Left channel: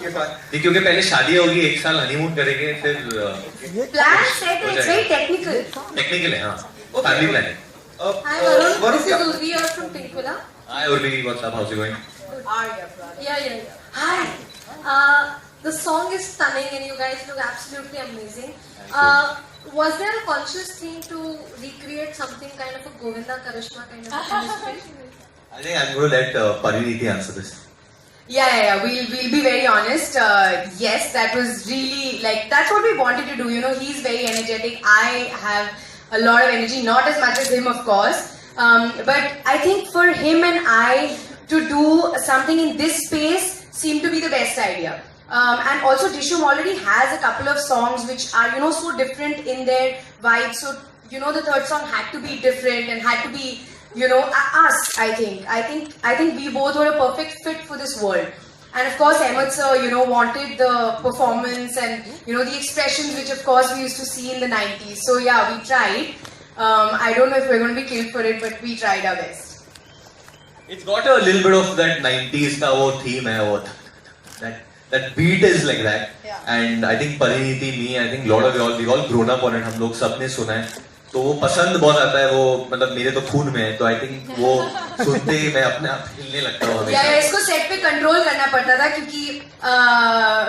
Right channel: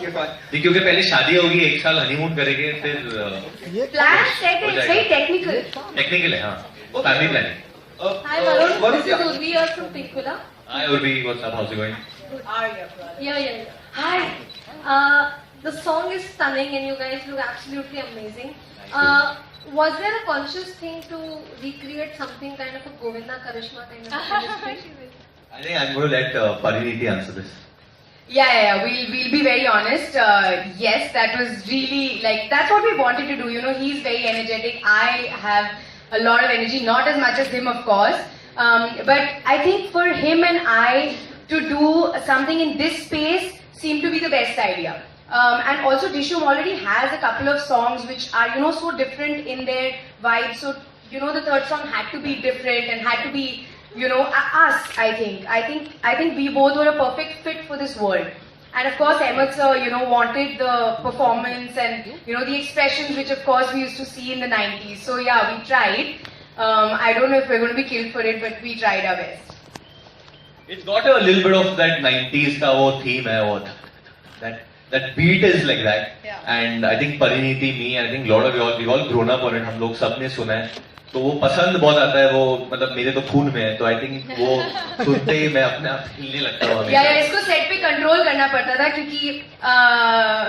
के बाद क्योंकि पहले शादी होगी, 1 साल हनीमून करेंगे, फिर प्लान सेट है, इट्स वेरी टेक्निकल. टेक्निकल है, हाँ, फैमिली प्लान है. Hi Varun, Varun, this is Urvi here from Pink Villa. Hi Urvi, what's up, how's it going? Yeah. Hi. The song is stunning and you guys look absolutely amazing. Was there a conscious thing to recreate something kind of a Govinda Karishma kind of chemistry? I think I'm going to let Pariniti answer this. Yeah. We'll be very honest. Yes, that was really like that's what we wanted to do. You know, he's very energetic. I have a lot of energy, not as much as him, of course. But I think for him and I to do something in this space seemed to be the best idea. And also, Dishoom already has a couple of songs which are, you know, so different in their vibe. So, you know, the third song had to be different and had to be, you know, us. I think we both were a perfect fit for this world. And of course, Ahmed sir, you know, wanted the performance and, you know, the expressions which of course we used to see in the 90s. So yeah, we tried. I don't know if we're going to be killed for it, but we tried our best. It's got a little bit of that 90s का वो theme है, वो that beat is like that. Yeah. And I think Pariniti, me, I think lot of y'all, we all grown up on it. हम लोग सबने सुना है. तो वो पसंद बहुत आता है, वो मतलब मेरे तो खून में है. तो I think वो सुनते ही मैं अपने आप हिलने लगता हूँ हमेशा. या इसको सेट पे कंट्रोल करना पड़ता था क्योंकि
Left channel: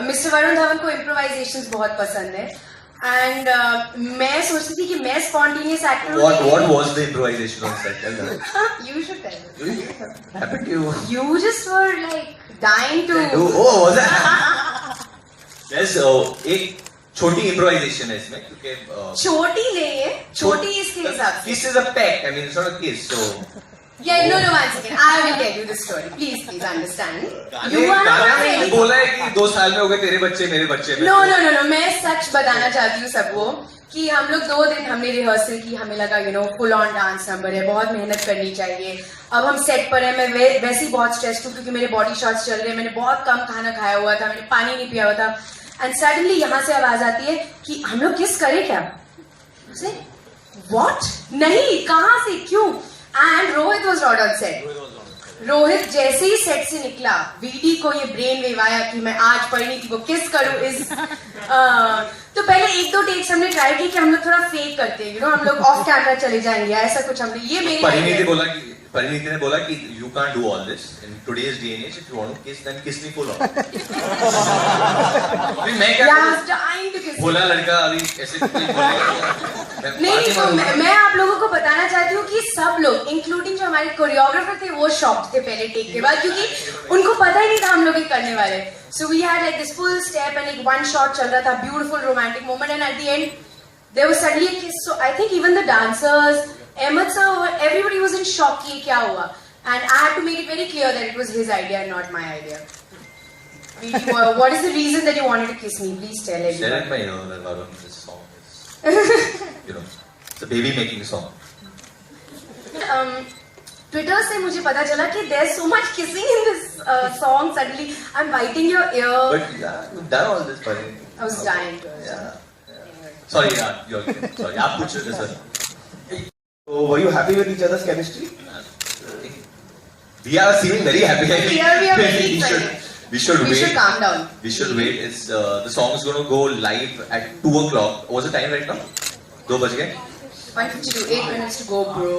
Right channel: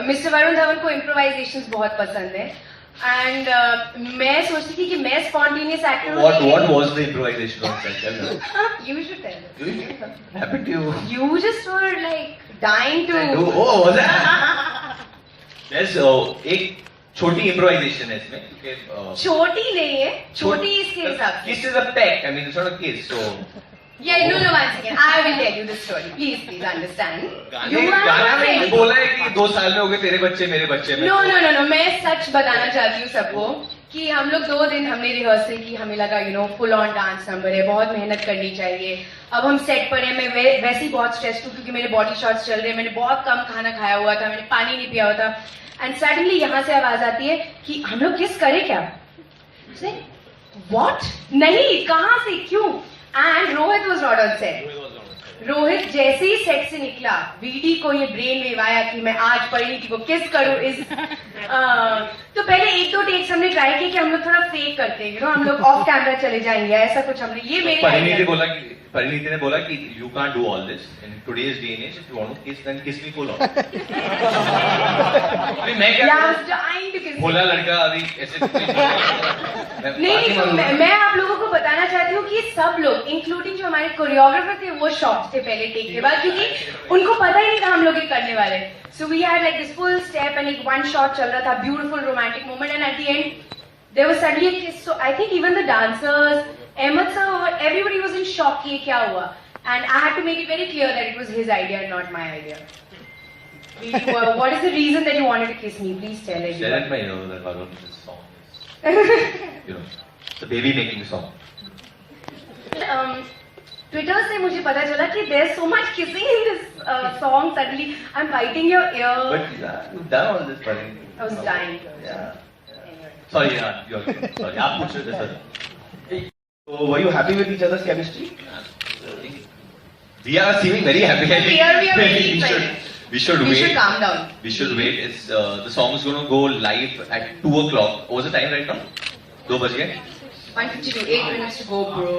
मिस्टर वरुण धवन को इम्प्रोवाइजेशंस बहुत पसंद है. एंड मैं सोचती थी कि मैं स्पॉन्टेनियस एक्टर हूँ. What was the improvisation on set? Tell me. You should tell. Happened to you? You just were like dying to. Oh, was it? There's एक छोटी improvisation है इसमें क्योंकि छोटी नहीं है, छोटी इसके हिसाब से. Kiss is a peck. I mean, it's not a kiss. So. Yeah, no, one second. I will tell you the story. Please understand. गाने में बोला है कि 2 साल में हो गए तेरे बच्चे मेरे बच्चे में. No. मैं सच बताना चाहती हूँ सबको कि हम लोग 2 दिन हमने रिहर्सल की. हमें लगा you know full on dance number है, बहुत मेहनत करनी चाहिए. अब हम सेट पर हैं. मैं वैसे ही बहुत स्ट्रेस्ड हूँ क्योंकि मेरे बॉडी शॉट्स चल रहे हैं. मैंने बहुत कम खाना खाया हुआ था, मैंने पानी नहीं पिया हुआ था. एंड सडनली यहाँ से आवाज आती है कि हम लोग किस करें क्या? What? नहीं, कहाँ से, क्यों? And Rohit was not on set. Rohit जैसे ही सेट से निकला, वीडी को ये ब्रेन वेव आया कि मैं आज परिणीति को किस करूं. तो पहले 1-2 टेक्स हमने ट्राई किया कि हम लोग थोड़ा फेक करते हैं, you know, हम लोग ऑफ कैमरा चले जाएंगे, ऐसा कुछ हमने. ये मेरी परिणीति ने बोला कि you can't do all this in today's day and age. If you want to kiss, then kiss me full on. मैं क्या बोला लड़का अभी ऐसे नहीं. तो मैं आप लोगों को बताना चाहती हूँ कि सब लोग इंक्लूडिंग जो हमारे कोरियोग्राफर थे वो शॉक्ड थे पहले टेक के बाद क्योंकि उनको पता ही नहीं था हम लोग ये करने वाले. So we had like this full step and एक 1 शॉट चल रहा था, beautiful romantic moment, and at the end there was suddenly a kiss. So I think even the dancers, Ahmed sir, everybody was in shock कि क्या हुआ. And I had to make it very clear that it was his idea and not my idea. What is the reason that you wanted to kiss me? Please tell everyone. Share it, you know, that Varun, this song is, you know, it's a baby making song. Twitter से मुझे पता चला कि there's so much kissing in this song. Suddenly, I'm biting your ear. But you've done all this, Pariniti. I was dying. Yeah. Sorry, you're sorry. आप पूछ रहे थे sir. So were you happy with each other's chemistry? We are seeming very happy. Here we are very excited. We should wait. We should calm down. We should wait. It's the song is going to go live at 2 o'clock. What's the time right now? 2 बज गए. 1:52. 8 minutes to go, bro.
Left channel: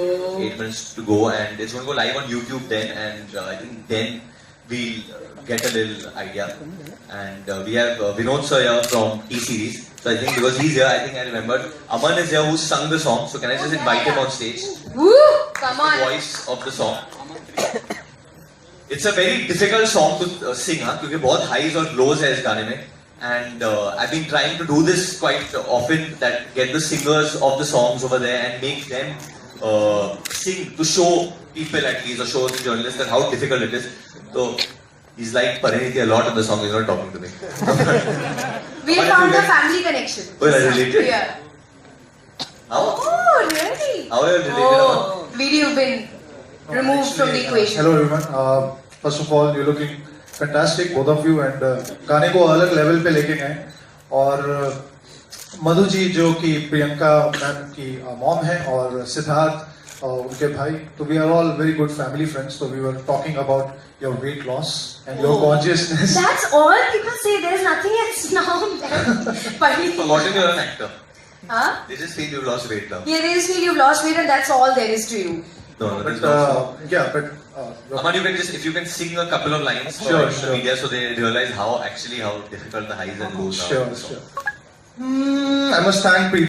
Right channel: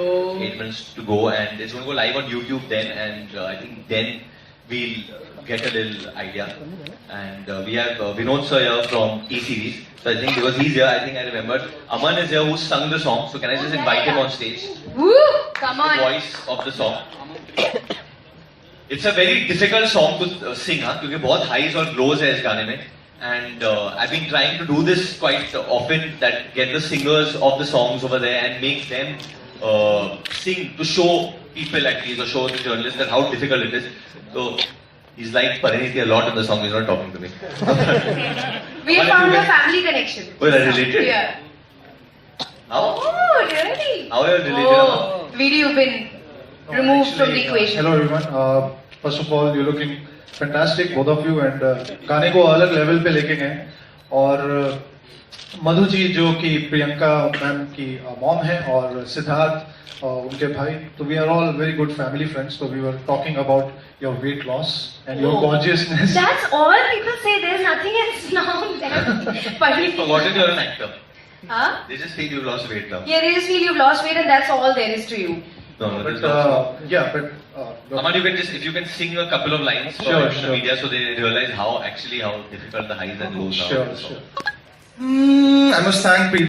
8 minutes to go, and it's going to go live on YouTube then, and I think then we'll get a little idea. And we have Vinod sir here from T-Series. So I think because he's here, I think I remembered. Aman is here who sung the song. So can I just invite him on stage? Woo! Come on. The voice of the song. It's a very difficult song to sing, huh? क्योंकि बहुत highs और lows है इस गाने में. And I've been trying to do this quite often, that get the singers of the songs over there and make them sing to show people at least, or show the journalists that how difficult it is. So he's like Pariniti a lot in the song. He's not talking to me. We found a family connection. Oh, you're related? Yeah. How? Oh, really? How are you related? Oh, video you've been removed from the equation. Hello everyone. First of all, you're looking fantastic, both of you, and गाने को अलग level पे लेके गए. और मधु जी जो कि Priyanka ma'am की मॉम है, और सिद्धार्थ उनके भाई, तो we are all very good family friends. So we were talking about your weight loss and your consciousness. That's all people say. There's nothing else now. But Forgotten you're an actor. huh? They just feel you lost weight now. Yeah, they just feel you've lost weight and that's all there is to you. No, there's But no. yeah, Aman, you can just, if you can sing a couple of lines for Sure, the sure. media so they realize how difficult the highs and lows are. sure. I must thank people.